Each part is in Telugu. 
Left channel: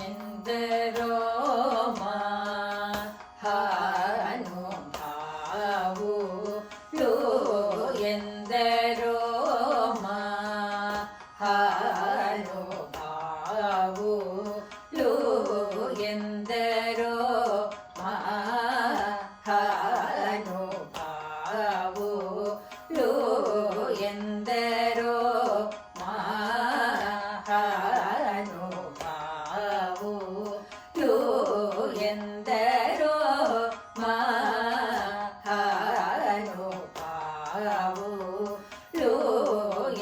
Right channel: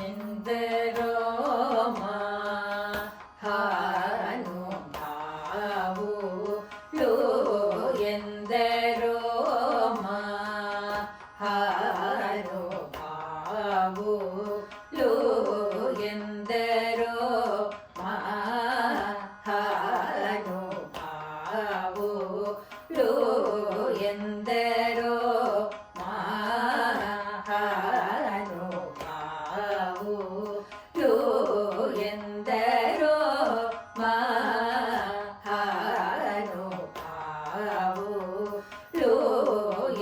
ಎಂದರೋ ಮಹಾನುಭಾವುಲು ಎಂದರೋ ಮಹಾನುಭಾವುಲು ಎಂದರೋ ಮಹಾನುಭಾವುಲು ಎಂದರೋ ಮಹಾನುಭಾವುಲು ಎಂದರೋ ಮಹಾನುಭಾವುಲು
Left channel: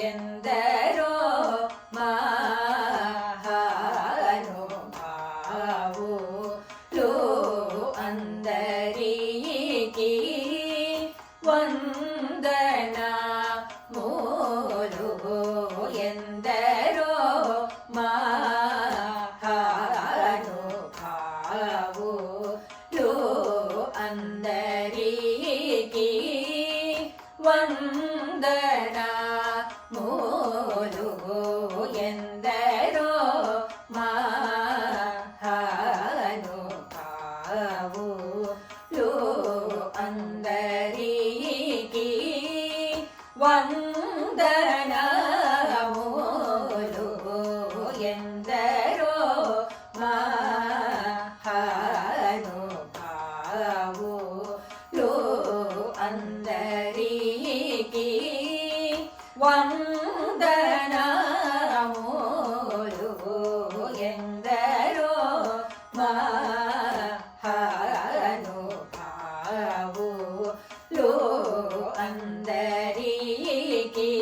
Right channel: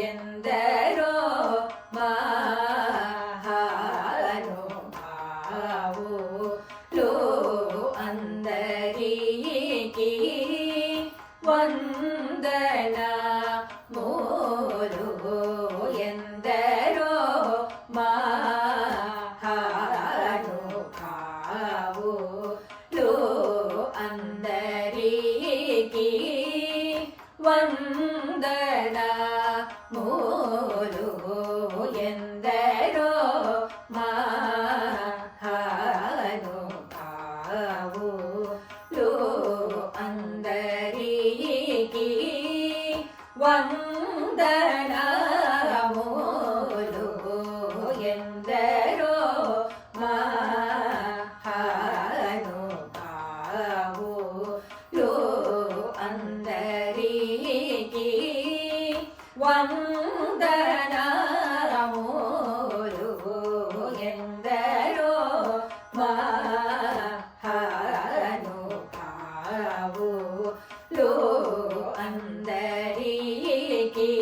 ಎಂದರೋ ಮಹಾನುಭಾವುಲು ಅಂದರಿಗೆ ವಂದನ ಮೂರು ಎಂದರೋ ಮಹಾನುಭಾವುಲು ಅಂದರಿಗೆ ವಂದನ ಮೂರು ಎಂದರೋ ಮಹಾನುಭಾವುಲು ಅಂದರಿಗೆ ವಂದನ ಮೂರು ಎಂದರೋ ಮಹಾನುಭಾವುಲು ಅಂದರಿಗೆ ವಂದನ ಮೂರು ಎಂದರೋ ಮಹಾನುಭಾವುಲು ಅಂದರಿಗೆ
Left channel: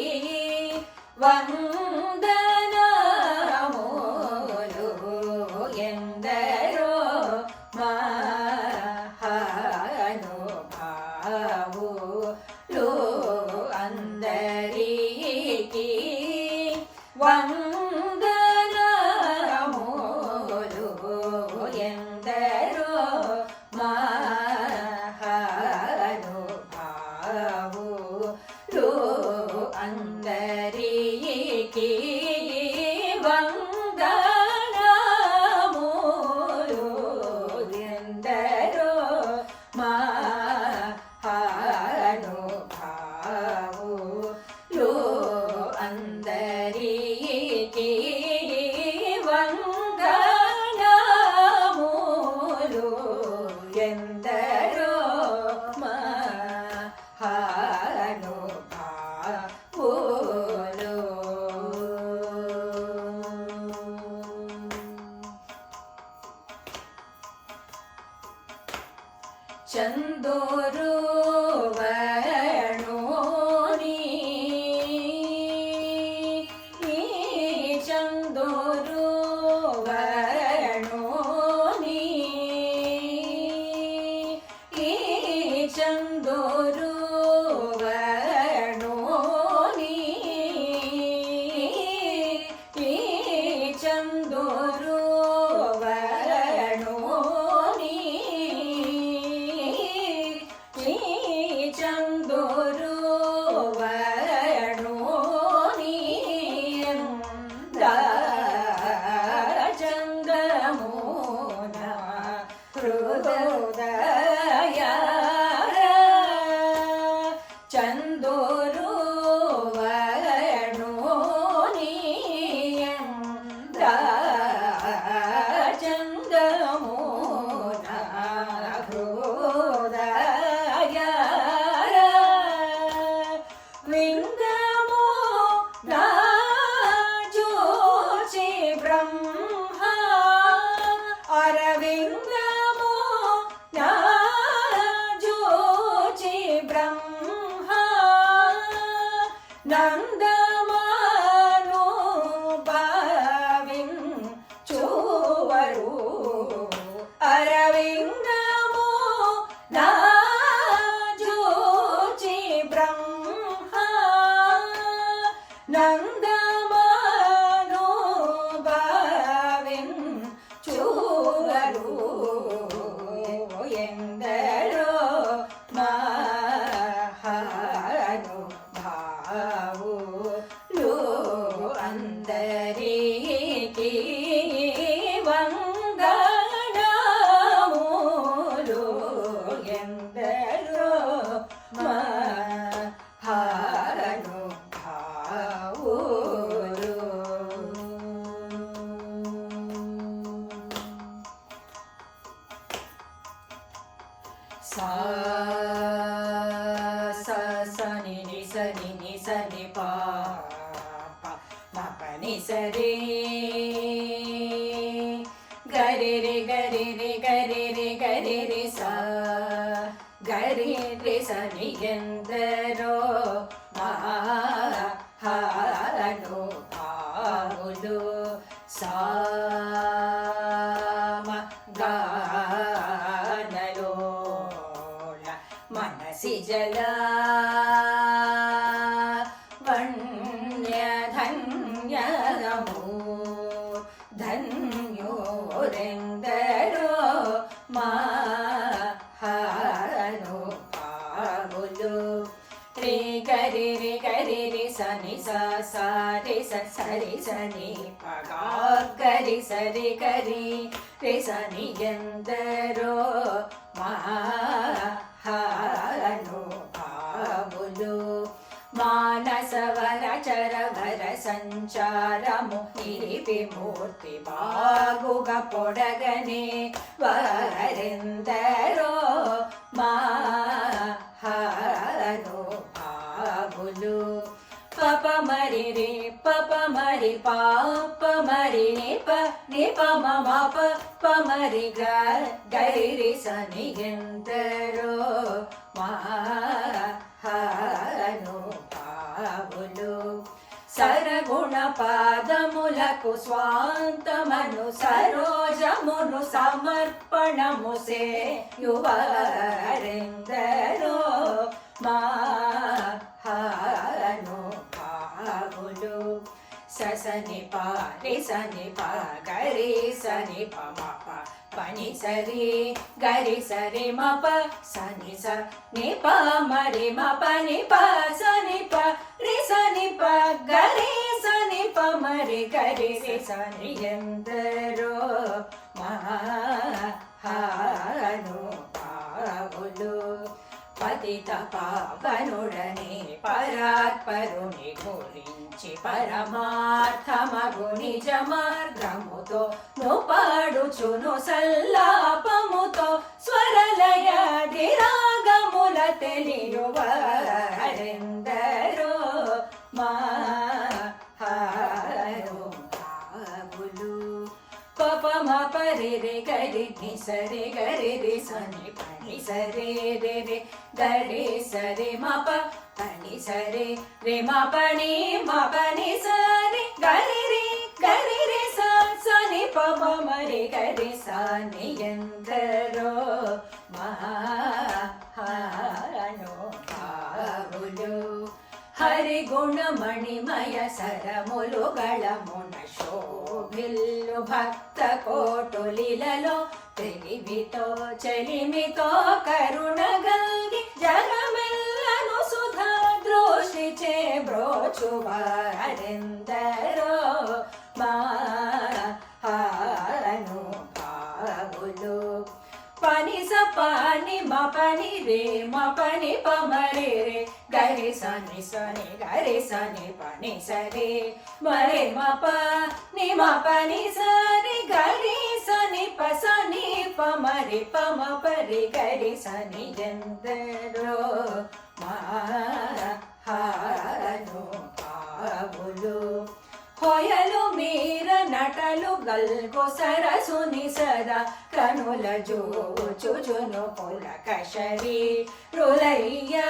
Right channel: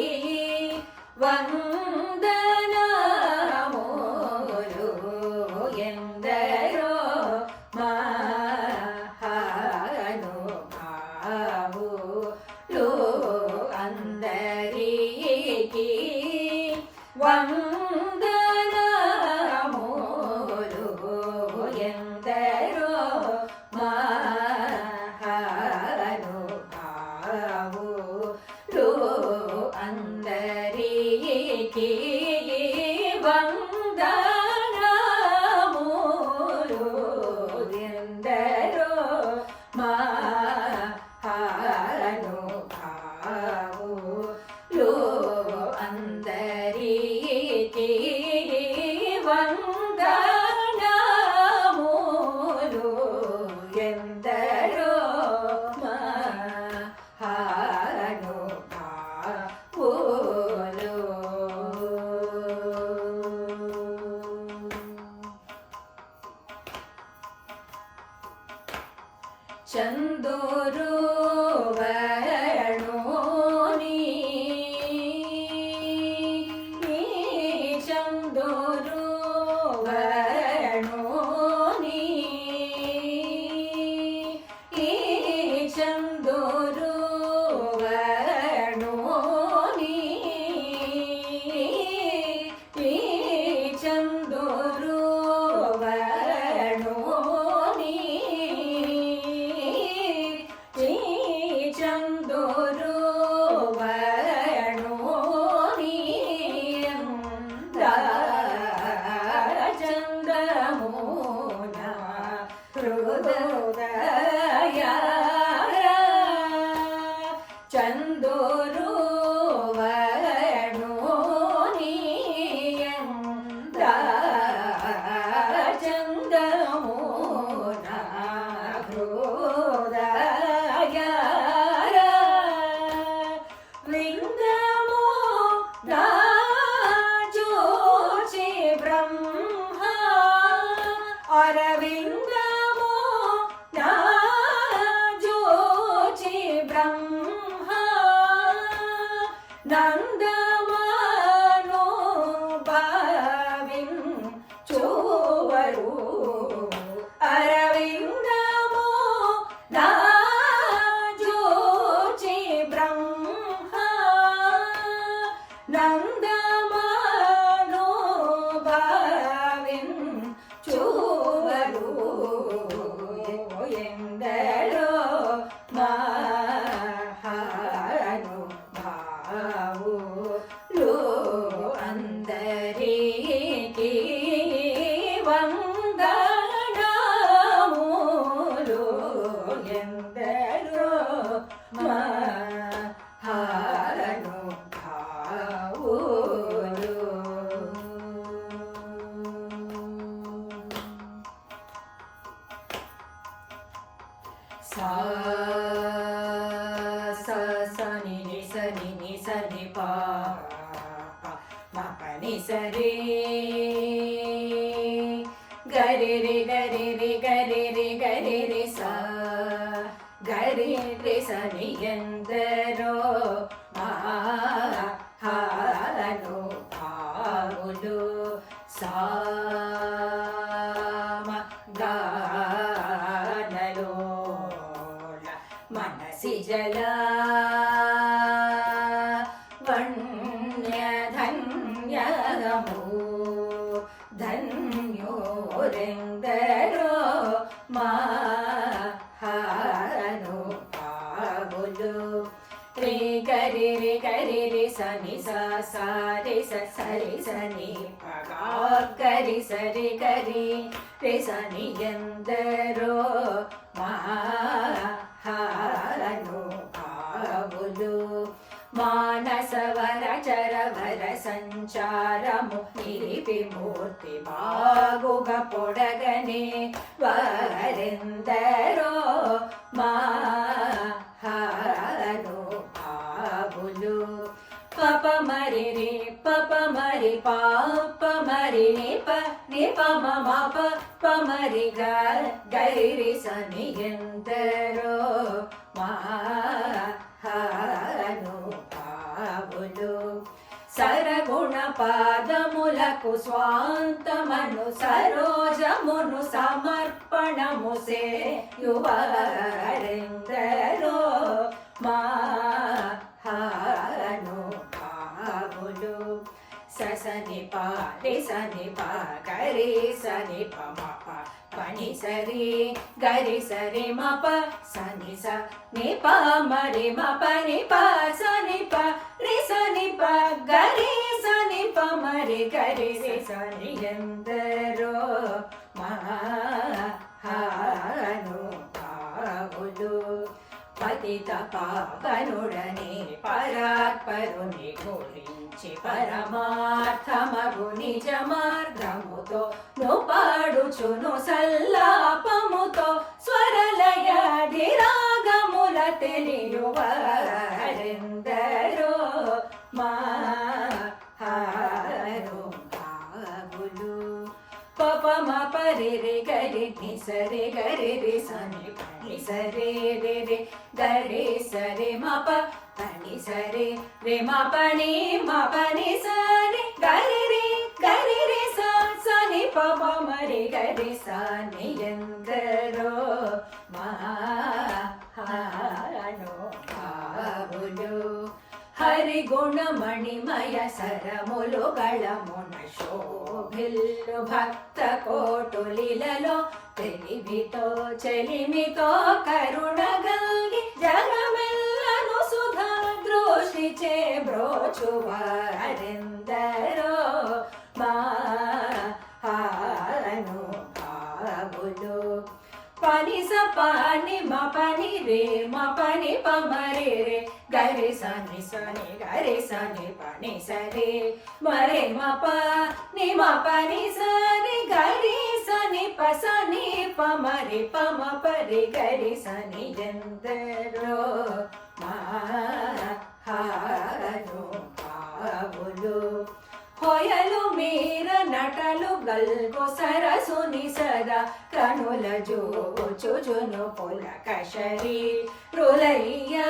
ವಂದನ ಮೂರು ಎಂದರೋ ಮಹಾನುಭಾವುಲು ಅಂದರಿಗೆ ವಂದನ ಮೂರು ಎಂದರೋ ಮಹಾನುಭಾವುಲು ಅಂದರಿಗೆ ವಂದನ ಮೂರು ಎಂದರೋ ಮಹಾನುಭಾವುಲು ಅಂದರಿಗೆ ವಂದನ ಮೂರು ಎಂದರೋ ಮಹಾನುಭಾವುಲು ಚಂದೋರು ವರ್ಣೋನಿ ಚಂದೋರು ವರ್ಣೋನಿ ಚಂದೋರು ವರ್ಣೋನಿ ಚಂದೋರು ವರ್ಣೋನಿ ಚಂದೋರು ವರ್ಣೋನಿ ಚಂದ್ರಮೋನ ಹೃದಯ ಚಂದೋರು ವರ್ಣೋನಿ ಚಂದ್ರಮೋನ ಹೃದಯ ಲಿಂಗಮೋ ರಾಜೋಚಿ ಬ್ರಹ್ಮ ಅರವಿಂದಮೋ ರಾಜೋಚಿ ಬ್ರಹ್ಮ ನಂದಮಾನೋ ಭಾವಿಂ ಚೋವರು ಅರವಿಂದಮೋ ರಾಜೋಚಿ ಬ್ರಹ್ಮ ನಂದಮಾನೋ ಭಾವಿಂ ಚೋವರು ಎಂದರೋ ಮಹಾನುಭಾವುಲು ಅಂದರಿಗೆ ವಂದನ ని ప మ ప ని సరి గరి రి గరి రి గరి రి గరి రి సా గరి రి స ని ఎందరో మహానుభావులు సామగానలోల మనసి జల వణ్యధన్యము ధన్యోరెందరో మహానుభావులు రే గరి రి గరి రి స ని స సా రి స సరి స ని ప గా గరి సరి గరి రి స ని ఎందరో మహానుభావులు మానసవర చరవర సంచారము నిలిపి మూర్తి బాగుగా పొడగనే వరెందరో మహానుభావులు పప మరి రే పప మరి పాప మరి ని ప మమ ప మరి గైరి స ని ఎందరో మహానుభావులు సరగుణ పాదములకు స్వాంతమను సరోజమును సమర్పణము సేయువరెందరో మహానుభావులు సని ప రి సని ప గరి సని ప మ ప పని సరి గరి సరి మ ప సని స ని ప మరి మ పని ప సని ప రి సని ప గరి సని ప మరి గరి రి సని ఎందరో మహానుభావులు పతిత పావనుడని పరాత్పరుని గురించి పరమార్థమగు నిజ మార్గముతో నుపాడుచును సల్లాపముతో స్వరలయాది రాగముల తెలియువరెందరో మహానుభావులు పప మ పరి రి గరి ని సరి గరి రి సని పని సరి రి రి గరి సరి మ ప పని సరి రి మ పని సరి గరి రి స సని ప మ మరి గరి సని ఎందరో మహానుభావులు హరి గుణమణిమయ సరములు గళమున శోభిల్లు భక్త కోటులిలలో తెలివితో చెలిమితో కరుణ గల్గి జగమెల్లను సుధా దృష్టిచే బ్రోచువారెందరో మహానుభావులు పని స పని మ పని రే మ పని ప మరి రే గరి సని సని గరి సని పని సరి మరి మ పని సరి గరి సని ప సని ప మరి ప మ పరి గరి సని ఎందరో మహానుభావులు ಹೊಯಲು ಮೀರ ನಟಲು ಗಲ್ಗೊ ಸರಸುನಿ ಸದಾ ಕನುಲ ಜೋಚುಜುನು ಪುಲಕ ಶರೀ ರುಲಯ್ಯಾನಂದ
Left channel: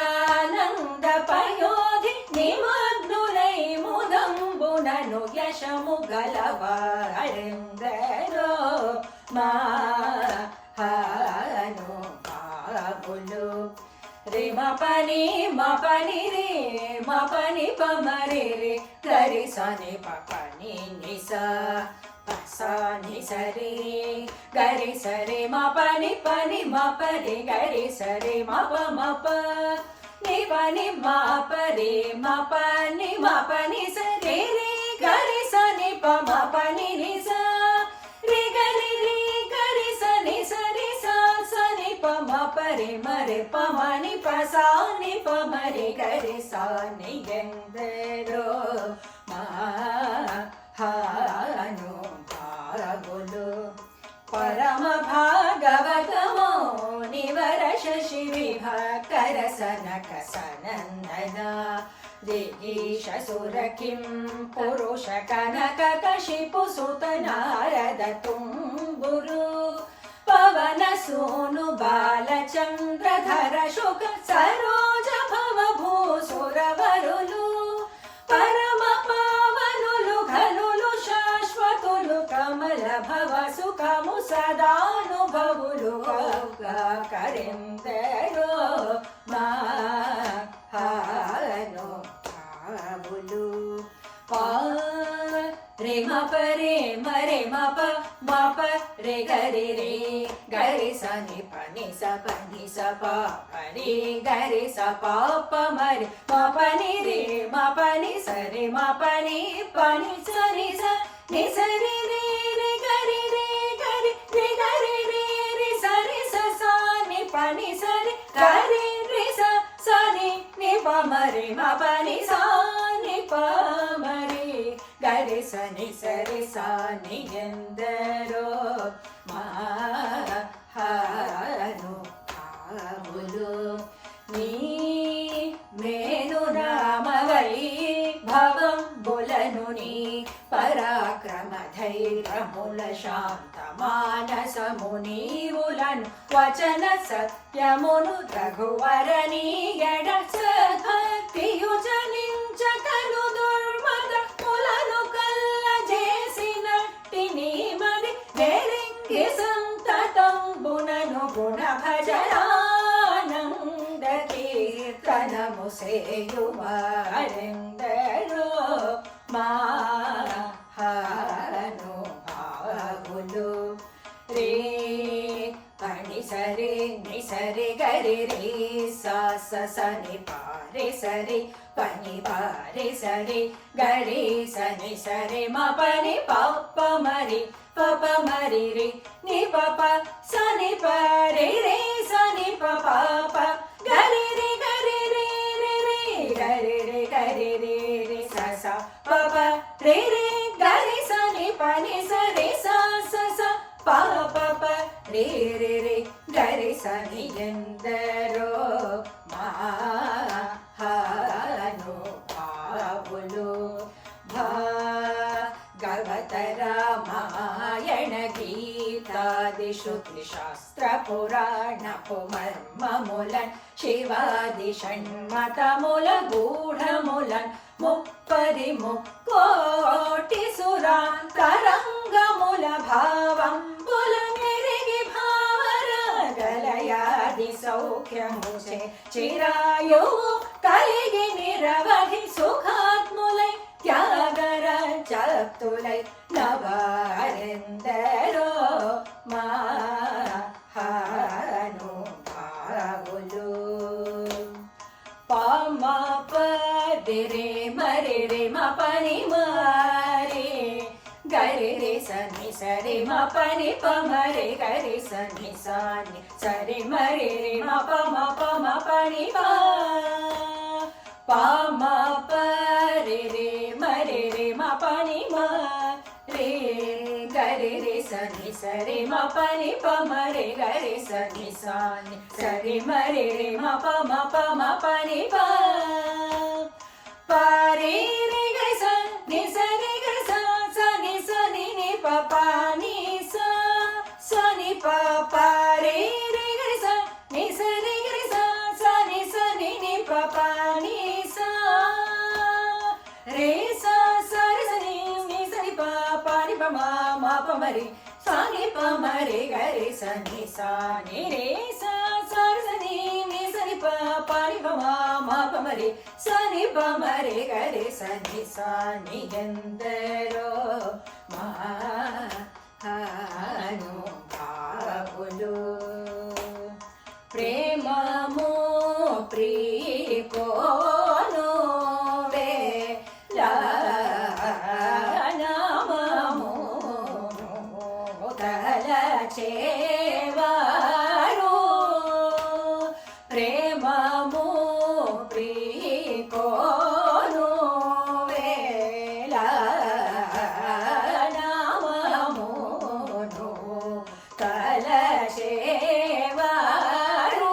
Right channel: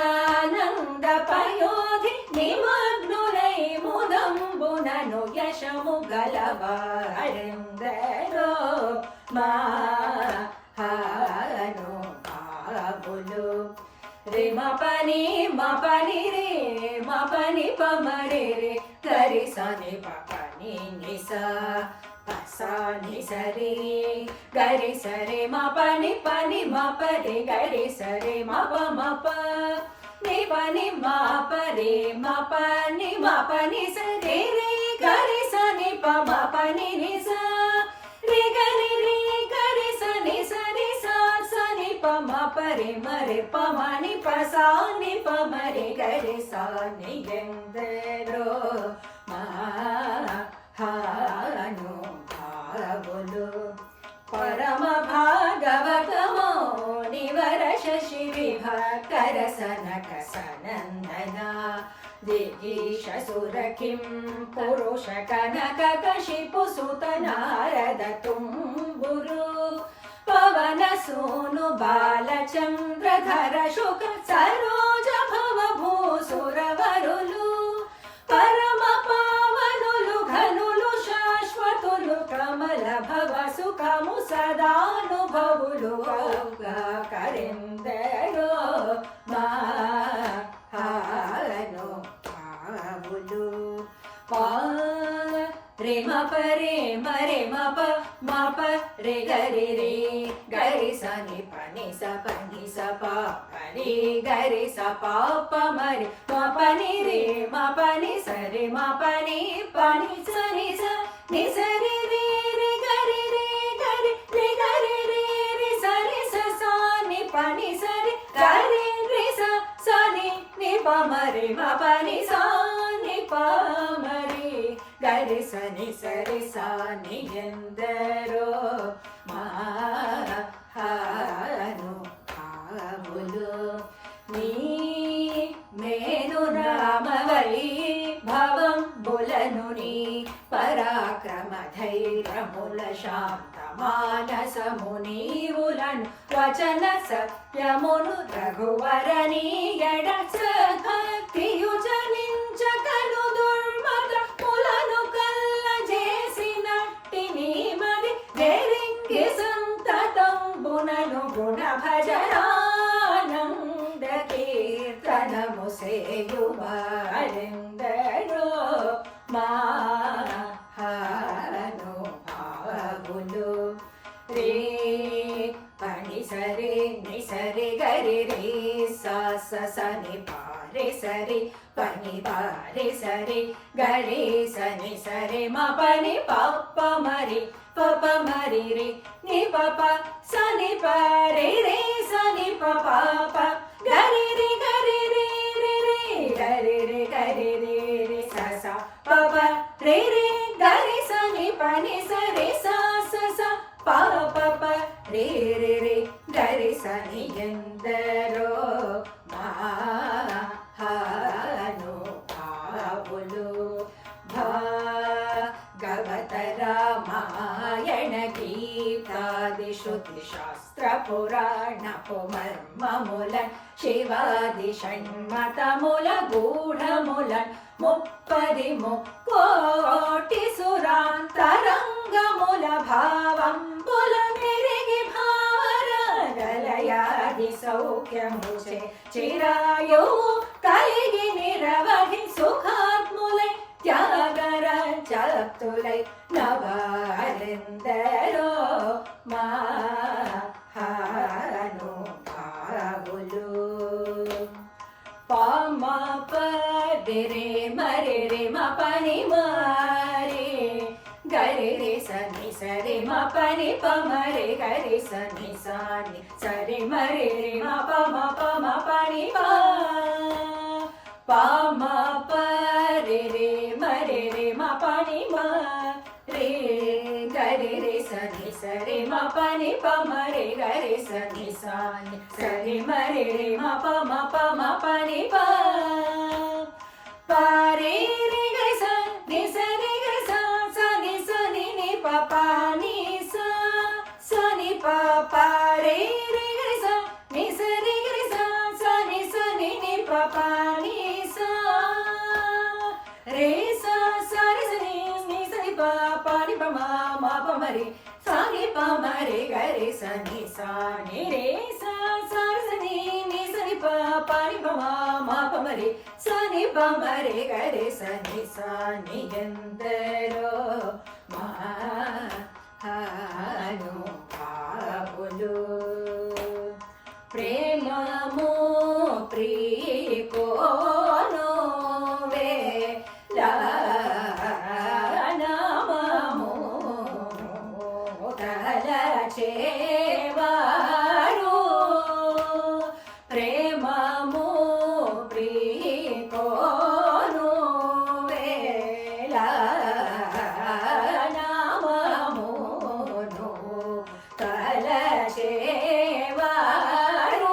ಪಯೋಧಿ ನಿಮಗ್ನುಲೈ ಮುದಂಬುನನು ಯಶಮು ಗಲವಾರೆಂದರೋ ಮಹಾನುಭಾವುಲು रे म पनी रे म पनी प मरे रे गरि स नि प पनी नि स प स नि स रे गरि स रे म पनी म प रे गरि स रे म प नि पनी म प रे म पनी स रे रे गरि स नि प म पनी नि स रे गरि स नि स रे सा स नि प म प रे म रे प म नि प सा नि प म रे गरि सा नि ఎందరో మహానుభావులు పరమ భాగవతమో నివర శశి విభాకర సనక సనందన दिगीशसुर किं पुरुष कनक कशिपु सुत नारद तुम्बुरु पवन सूनु बालचंद्रधर शुक सरोज भव भूसुरवरुलु परम पावनुलु घनुलु शाश्वतुलु कमल भव सुखमु सदानुभवुलु करिंदरो मानो भावुलु रे म प रे म प रे ग रे रे ग रे सा नि प नि सा प रे ग रे सा प म रे म प नि रे म प नि स रे म प नि प नि स नि स रे रे रे ग रे रे ग रे रे ग रे रे रे स रे स सा नि प नि स रे ग रे रे स सा नि प म रे म प नि सा नि प म रे ಗ ರೆ ಸ ನಿ ಸ ರೆ ಸ ನಿ ಎಂದರೋ ಮಾನು ಭಾವುಲು ನೀ ಮೇನು ರಾಮವೈ ಭವಂ ಬುಲನು ನೀ ಪರಾಕ್ರಮ ಧೈರ್ಯಮುಲ ಶಾಂತ ಮಾನಸ ಮುನೀವುಲನು ವಚನ ಸತ್ಯమును ರಘುವರನಿ ಎಡ ಸದ್ಭಕ್ತಿಯು ಜನಿಂಚ ಕಲು ದುರ್ಮದ ಮುలను ಕಲ್ಲ ಜೇಸಿನಟ್ಟಿ ನೀಮದಿ ನೆರಿಂಗಿ ಸಂತತಂಬುನನು ಗುಣ ಭಜನಾನಂದ ಕೀರ್ತನ ಮುಸೆಯುವರೆಂದರೋ ಮಾನು ಭಾವುಲು ರೇ ಪಣಿ ಸರೆ ನಿ ಸರೆ ಗರಿ ರೇ ಸ ಸ ಸ ನಿ ಪಾರೆ ಸರೆ ಪನಿ ಪಾರೆ ಸರೆ ಗರಿ ಸ ನಿ ಸರೆ ಮ ಪನಿ ಪಪ್ಪ ಮರಿ ಪಪ ಮರಿ ರೇ ನಿ ಪಪ ಸ ನಿ ಪರೆ ರೇ ಸ ನಿ ಪಪ ಗರಿ ರೇ ಗರಿ ರೇ ರೇ ರೇ ಗರಿ ರೇ ಗರಿ ರೇ ರೇ ಸ ಸ ಪಪ ರೇ ರೇ ಗರಿ ಸ ನಿ ಪನಿ ಸ ರೇ ಸ ಸ ಸ ಪ ಪ ರೇ ರೇ ರೇ ಗರಿ ಸ ನಿ ಎಂದರೋ ಮಾನು ಭಾವುಲು ಭಾಗವತ ರಾಮಾಯಣ ಗೀತಾದಿ ಶ್ರುತಿ ಶಾಸ್ತ್ರ ಪುರಾಣ ಮರ್ಮ ಮುಲನ್ ಶಿವಾದಿ ಷಣ್ಮತ ಮುಲ ಗೂಢ ಮುಲನ್ ಮುಪ್ಪದಿ ಮುಕ್ಕೋಟಿ ಸುರಾಂತರಂಗ ಮುಲ ಭಾವಂಬುಲ ಮೆರೆಗೆ ಭಾವರಗಲಯಾದಿ ಸೌಖ್ಯ ಮುಚೆ ಚಿರಾಯು ಕಲಿಗೆ ನಿರವಧಿ ಸುಖಾತ್ಮುಲೈ ತ್ಯಾಗರ ಚಪ್ತುಲೈ ನವರೆಂದರೋ ಮಾನು ಭಾವುಲು ಪಾಮ ಪದೆ ರೇ ಮರೆ ರೇ ಮ ಪನಿ ಮರೆ ಗರೆ ರೇ ಸ ನಿ ಸರೆ ಮ ಪನಿ ಪ ಮರೆ ಗರೆ ಸ ನಿ ಸ ನಿ ಸರೆ ಮರೆ ರೇ ಮ ಪನಿ ಪ ಮ ಪರೆ ರೇ ಮರೆ ರೇ ಮ ಪನಿ ಮ ರೇ ಗರೆ ರೇ ಸ ನಿ ಸರೆ ಮ ಪನಿ ಪ ಮರೆ ಗರೆ ಸ ನಿ ಸ ನಿ ಸರೆ ಮರೆ ರೇ ಮ ಪನಿ ಪ ರೇ ರೇ ಗರೆ ಸ ನಿ ಸರೆ ಗರೆ ಸ ಸ ನಿ ಸ ನಿ ನಿ ಪ ನಿ ಸ ಸ ನಿ ಪ ರೇ ರೇ ಗರೆ ಸ ನಿ ಸರೆ ಗರೆ ಸ ಸ ನಿ ಸ ನಿ ನಿ ಪ ನಿ ಸ ರೇ ಸ ಸ ರೆ ಸ ನಿ ನಿ ಸ ನಿ ಪ ನಿ ಪ ಮ ಪ ಮರೆ ಸ ನಿ ಪ ಮರೆ ಗರೆ ಸ ನಿ ಸ ನಿ ರೇ ಸ ಸ ರೆ ಸ ನಿ ನಿ ಸ ನಿ ಪ ನಿ ಪ ಮ ಪ ಮರೆ ಸ ನಿ ಪ ಮರೆ ಗರೆ ಸ ನಿ ಸ ನಿ ಎಂದರೋ ಮಾನು ಭಾವುಲು ಪ್ರೇಮಮೋ ಪ್ರೀಕೋನೋ ವೇ ನಾಮಮೋ ತಲಚೇವಾರು ಪ್ರೇಮಮೋ ಪ್ರೀಕೋನೋ ವೇ ನಾಮಮೋ ತಲಚೇವಾರು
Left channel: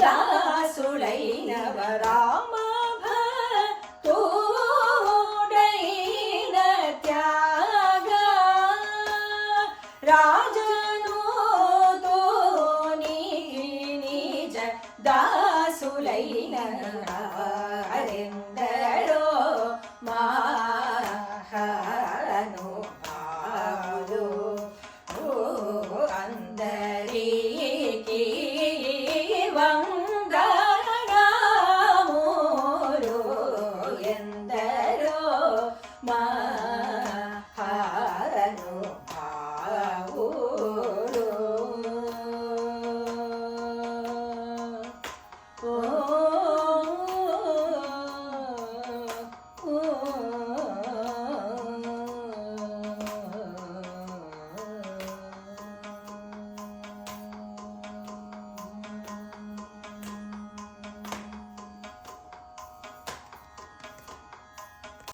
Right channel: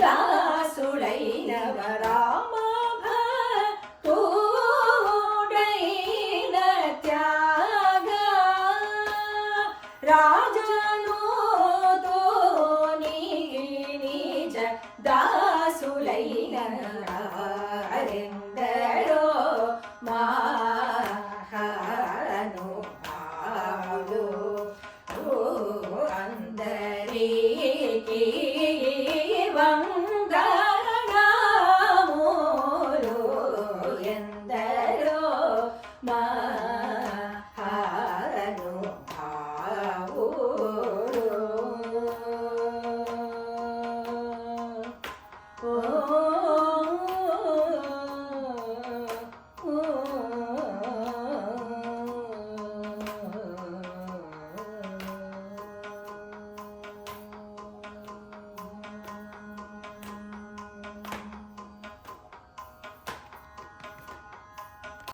దాసుడైనవ రామ భక్తుడైన త్యాగ రాజను తోని నిజ దాసులైన